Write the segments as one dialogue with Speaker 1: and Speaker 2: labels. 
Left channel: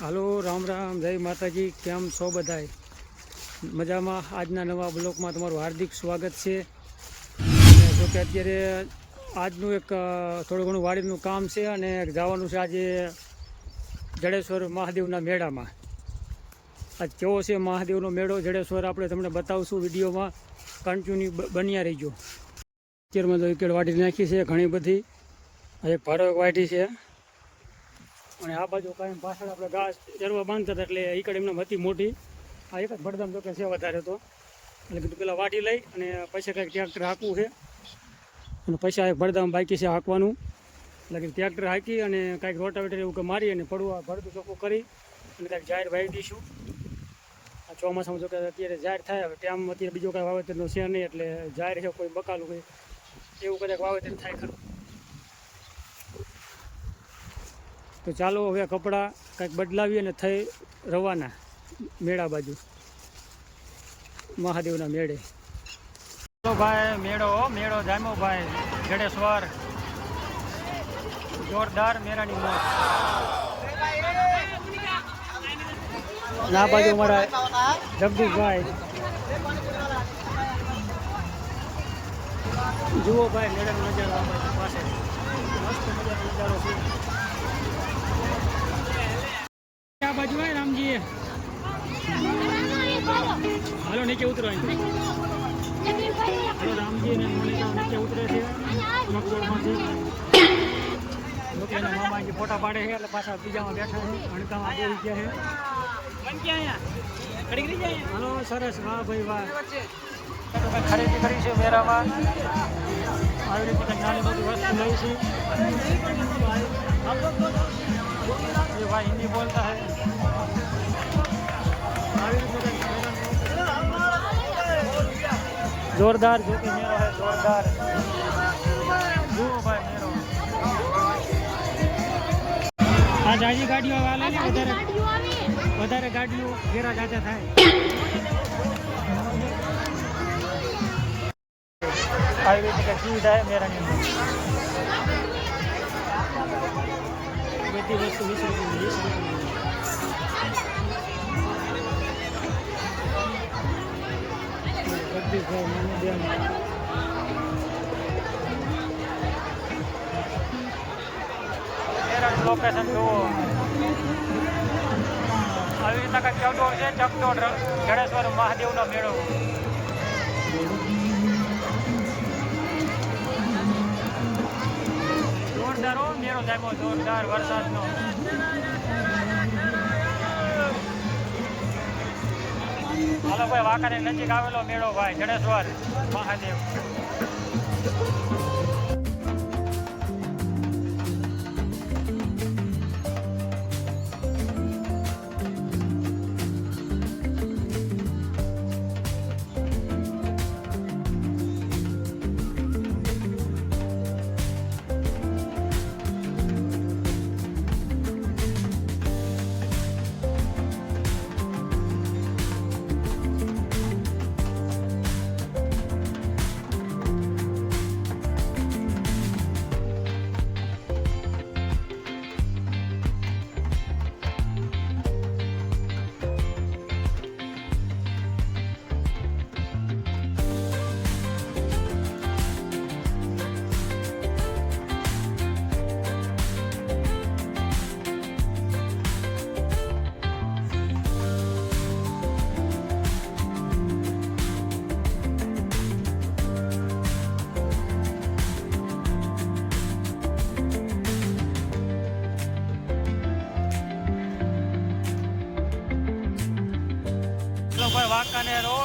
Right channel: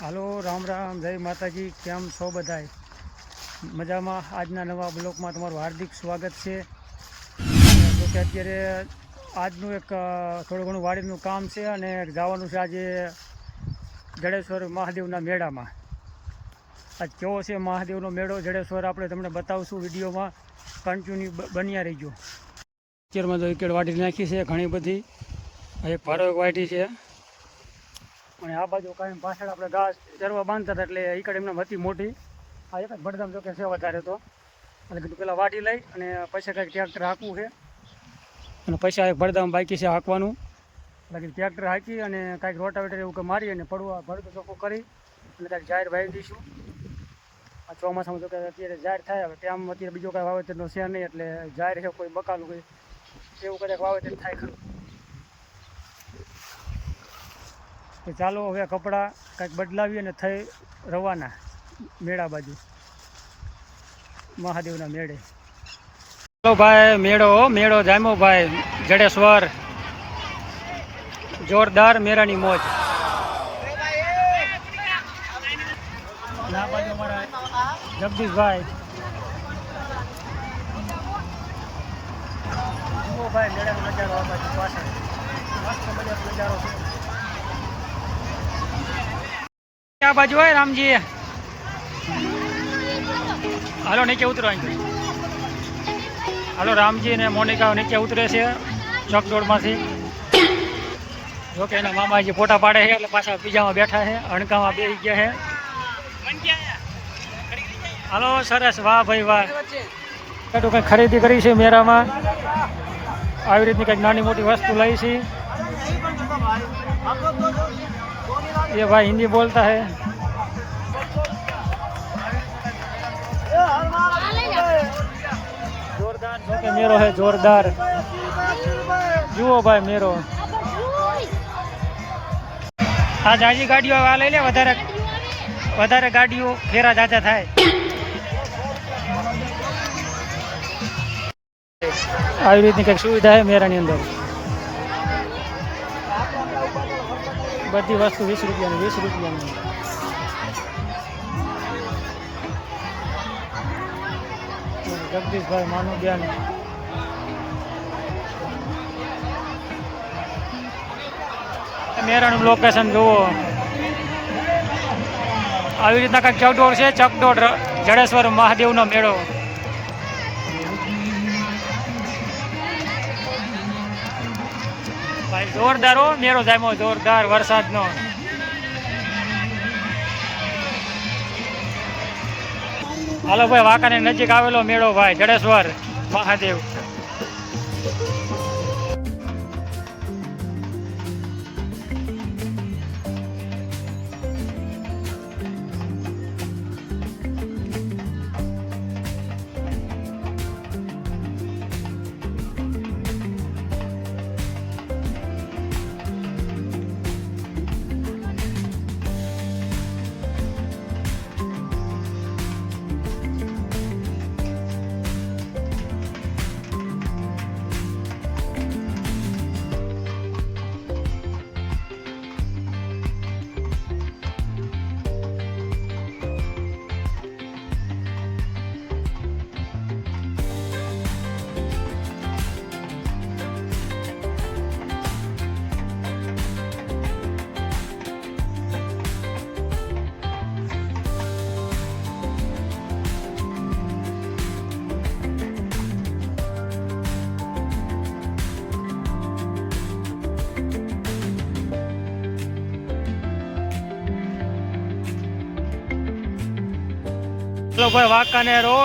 Speaker 1: હાલો, રામ રામ, જય માતાજી, કેમ છો બધાય? મજામાં આજના નવા બ્લોકમાં તમારું હાર્દિક સ્વાગત છે. જો કે અત્યારે આજનું એક થોડું ઘણું વાડીનું કામ છે અને જવાનું છે આજે જડેશ્વર મહાદેવના મેળામાં. આજ કેવો છે મહાદેવનો મેળો જડેશ્વર આપણે તમને બતાવશું વિડીયોમાં. કન્ટિન્યુ બન્યા રહીજો. અત્યારમાં તો વિકેટ વાટી નાખી છે ઘણી બધી. એક ભાડો વાટી છે. અને આ બાજુ કાંઈ પાછળ આપણે ઘાસ ચરવા બાંધતા હતા એટલે ઈકડ એમને હતી મોટી. આ એક જ ભડધામ જો કે છે વધારે તો. એટલે કીધું પેલા વાટી લઈ અને પૈસા કાંઈક ટ્રેક્ટર હાંકવું છે. અને પૈસા એક ભડધામ બાકી છે હાંકવાનું. એટલે કે ટ્રેક્ટર હાંકી અને કાંઈક રોટાવેટર એવું કે મારી અને પડવા ભરતું ચોખ્ખું કરી અને કાંઈક જાહેર વાવી દઈશું આ ચોમાસામાં જો કે અત્યારે જાહેર થાય, હવે ટાઈમ અત્યારે બીજો કાંઈ વાવેતરનો છે નહીં એટલે જાહેર છે, કોઈ બકાલું કોઈ. એવું કદાચ વાવેતર થાય ખરું. તો ચાલો હવે કપડાં કંઈક બદલાવીએ અને થઈ રવાના મેળા બાજુ. મહાદેવના મેળે. ચાલો ભાઈ, મેળો મેળો જામ્યો ભાઈ. જડેશ્વર. જોરદાર મેળાની મોજ. ના બાજુ અમારા જગદીશભાઈ. જુઓ ભાઈ, મેળાનો નજારો આ બાજુ પાછળ. મસ્ત મજાનો નજારો છે. આ બાજુ હોય, રામજી. હાલો, નીચે ઉતરો અહીંથી હાલો, રામજી ને મોનિકા નીચે ઉતરે છે, ચોકડોળમાંથી. જો કે એના મામાજી ફોટા પાડે છે, એટલે પાછા બીજામાં બેઠા છે, અણકામાં બેસી ગયા છે. હાલો, સરસ, વાહ ભાઈ, વાહ. એટલું કંઈક ખરીદી કરી છે મેળામાં? આવી રીતની કંઈક નાની મોટી વસ્તુ લઈ છે. ये भाई हिंदी बोलता है જોરદાર જો કે મેરો હે જોરદાર જુઓ ભાઈ મેરો આ જાજી ગાડીઓ આ લઈ લે વધારે વધારે ગાડીઓ ફેરા જાજા થાય આવી રીતની કંઈક સુવિધા છે મેરાની અંદર બધી વસ્તુ વીસ રૂપિયાની વીસ રૂપિયાની. જગદીશભાઈ માનું બેન મેરાનું લોકેશન જુઓ. આવી રીતના કંઈક ચકડોળ છે, ચકડોળ જડેશ્વર મહાદેવનો મેળો. જોરદાર હો, મેળો જામ્યો, જોરદાર વરસાદનો. હાલો ભાઈ વાંકાની નજીક આવેલો મેળો ભાઈ, જડેશ્વર, મહાદેવ. ચલો ભાઈ વાંકાનેર હો.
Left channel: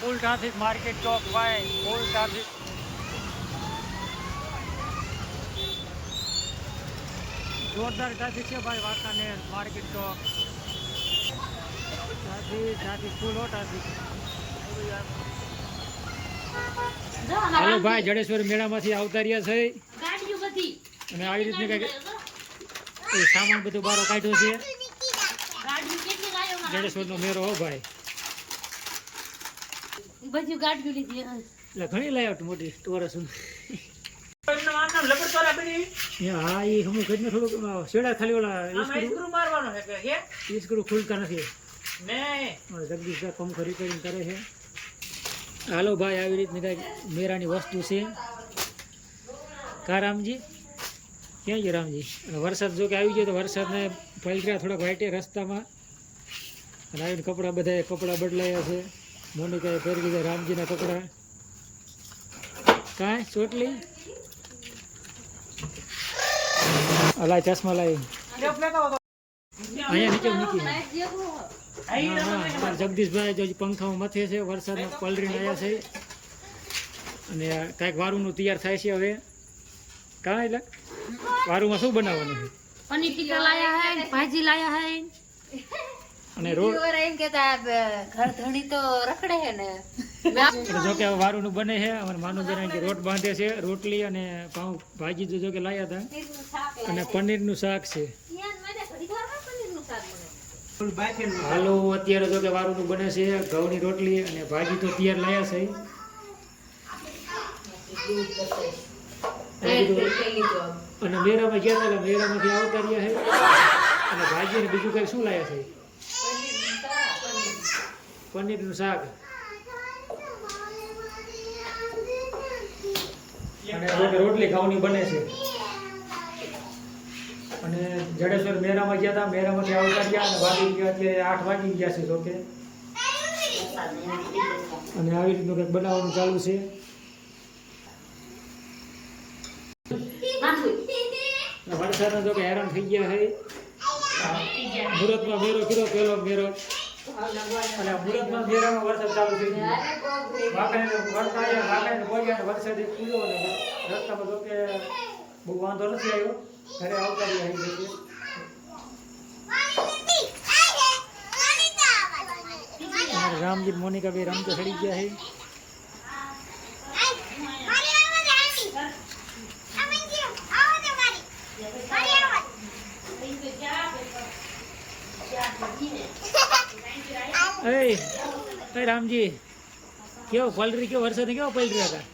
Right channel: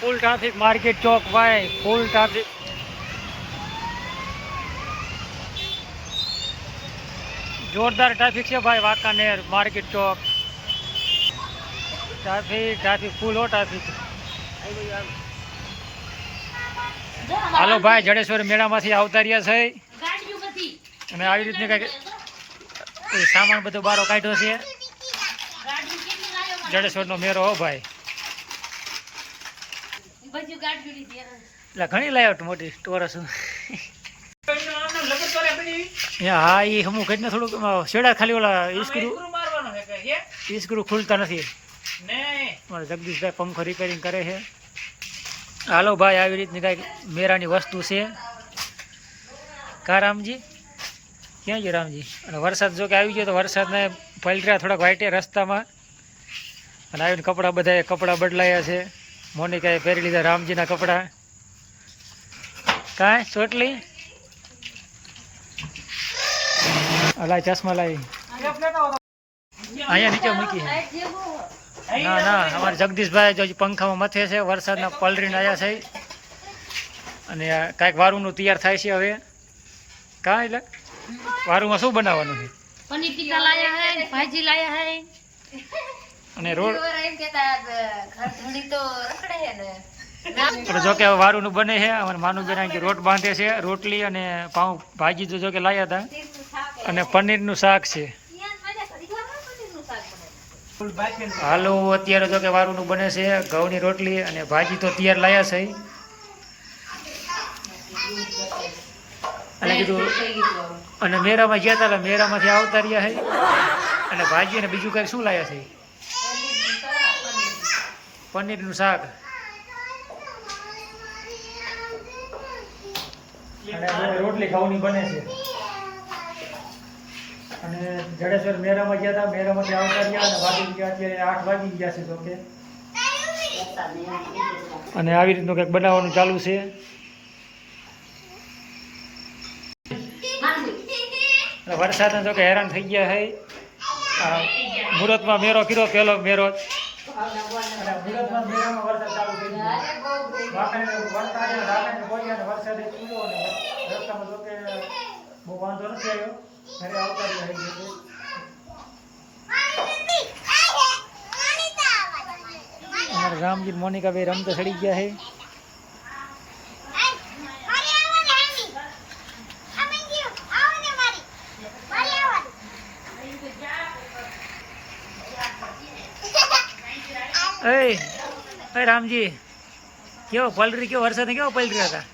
Speaker 1: ફૂલ ટ્રાફિક માર્કેટ ચોક ભાઈ ફૂલ ટ્રાફિક જોરદાર ટ્રાફિક છે ભાઈ વાંકાનેર માર્કેટ ચોક. ટ્રાફિક ટ્રાફિક ફૂલ હો ટ્રાફિક હાલો ભાઈ જડેશ્વર મેળામાંથી આવતા રહ્યા છે. અને આવી રીતની કંઈક સામાન બધો બારો કાઢ્યો છે. જડેશ્વરનો મેળો હો ભાઈ.
Speaker 2: બધી ગાડીઓ લીધી.
Speaker 1: એટલે ઘણી લાyout મોટી ટોરસ હા એ હું કઈ થોડુંક શેડા ખાલી ઓલા ઈ સ્ક્રૂ
Speaker 3: ખોલવાનો છે
Speaker 1: ખુલતા નથી. મારે જગદીશભાઈ પંખો રિપેરિંગ કરે છે. હાલો ભાઈ આવી રીતની કાંઈક મેરાની વસ્તુ છે. કા રામજી? ક્યાં ગયો રામજી? અને વરસાદ જો કે આવી ગયો તો વરસાદને પલટ્યા થોડાક વાઈટે રસ્તામાં. અને આવીને કપડાં બધાએ કપડાં બદલાયા છે. મોનિકાએ પહેરી લીધા રામજીના કપડાં. કાંઈ? ચોટલી? લાય, ચશ્મા લાવી અહીંયા નીચે મૂકી ના ના, અમારે જગદીશભાઈ જો પંખામાં મથે છે, વરસાદના પલરીને આવ્યા છે. અને કાંઈક વારુંનું તૈયાર થાય છે હવે. કાં એટલે વારુંમાં શું બનાવવાનું છે?
Speaker 2: પનીર ટીકા લાયા હે, ભાજી લાયા હે.
Speaker 1: અને રોડ
Speaker 2: એમ કેતા ઘર ધણી તો રખડે છે ને.
Speaker 1: એટલે જો કે વારુંનું બને છે અમારે માનુબેન કે રોટ બાંધે છે રોટલી અને પાઉં ભાજી તો જો કે લાયા હતા. અને પનીરનું શાક છે. હાલો અત્યારે જો કે વારુંનું બને છે ઘઉંની રોટલી અને ભાજી તો તૈયાર લાયા છે. અને કીધું અને મેરામાં ગયા હતા મેરામાંથી આવતા રહ્યા છે. અને ભાજી અને બીજું કઈ શું લાયા છે? પનીરનું શાક. અને રોટલી ખાવાની બને છે. અને જડેશ્વર મેરામાં ગયા હતા મેરામાંથી આવતા રહ્યા અને વાગી ગયા, અત્યારે આઠ વાગી ગયા છે, તો કે. અને આવી રીતનું કંઈક બનાવવાનું ચાલુ છે. વરસાદના જો કે હેરાન થઈ ગયા આ મુહૂર્તમાં મેરો કર્યો પહેલો મેરો. અને મુરતમાં મેરામાં વરસાદ ચાલુ થઈ ગયો. વાંકણીને વળતા આવ્યા વાંકણીને પહોંચ્યા અને વરસાદ પૂર્યો અને રસ્તામાં તો કે બહુ વાંધો નથી આવ્યો. ઘરે આવતા રહી છે. જે છે. રામજી ને મોનિકા ભાઈ રમતો ચડી ગયા છે. એ રામજી કેવો પલરી કેવો વરસાદ કેવો પલરી હતા?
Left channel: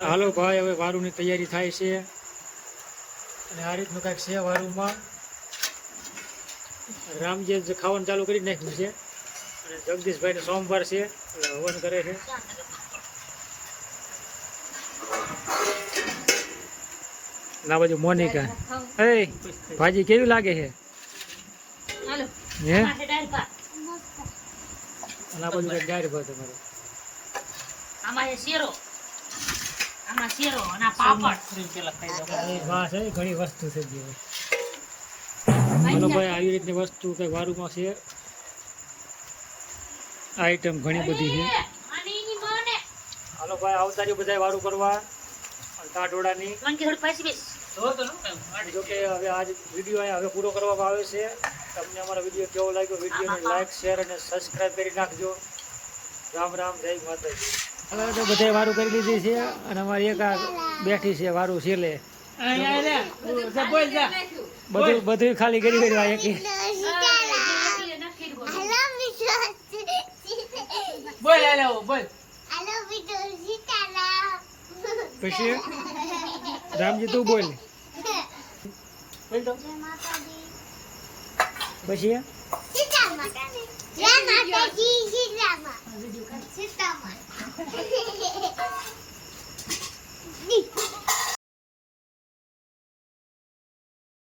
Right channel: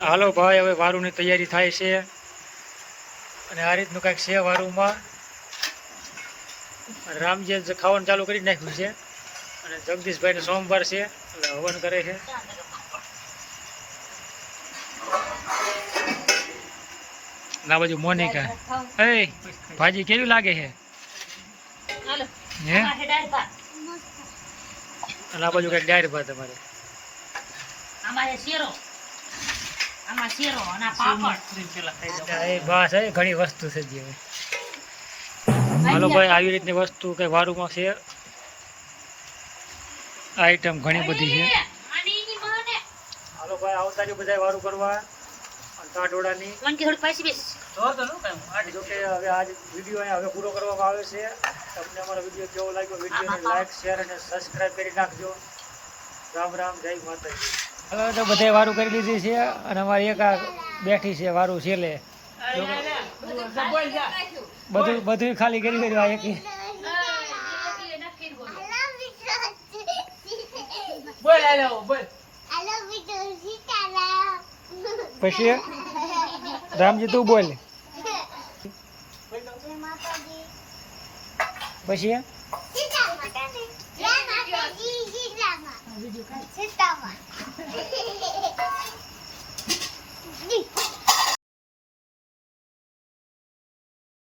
Speaker 1: હાલો ભાઈ હવે વારુની તૈયારી થાય છે. અને આ રીતનું કાંઈક છે વારુમાં. રામજી ખાવાનું ચાલુ કરી નાખ્યું છે. અને જગદીશભાઈને સોમવાર છે એટલે હવન કરે છે. ના બાજુ મોનિકા. એ ભાજી કેવી લાગે છે?
Speaker 2: હાલો.
Speaker 1: હે? અને આ બાજુ કઈ ડાયર ભાઈ તમારે?
Speaker 2: આમાં છે શેરો. આમાં શેરો અને આ પાપડ.
Speaker 1: બસ એ ઘણી વસ્તુ છે જે હવે. હાલો ભાઈ આવી રીતની વસ્તુ કઈ વારુમાં છે? આઈટમ ઘણી બધી છે.
Speaker 2: અને
Speaker 1: હાલો ભાઈ આવતા જો બધા વારું કરવા. અને
Speaker 3: જો
Speaker 1: કે હવે આજ વીડિયો અહીંયા હવે પૂરો કરવામાં આવે છે. તમને અમારો વીડિયો કેવો લાગ્યો વિડીયોને લાઈક શેર અને સબસ્ક્રાઈબ કરી નાખજો. રામ રામ જય માતાજી. હવે તો બધાય વારું કરી લીધી છે અને અમારી એક આ બેઠી છે વારું છેલ્લે.
Speaker 3: બોલ જા
Speaker 1: બધું બધું ખાલી કરી કર્યું આ એકી.
Speaker 3: બોલ હાલો બોલ
Speaker 1: પછી? રામજી તું બોલ પછી
Speaker 4: સીતામાં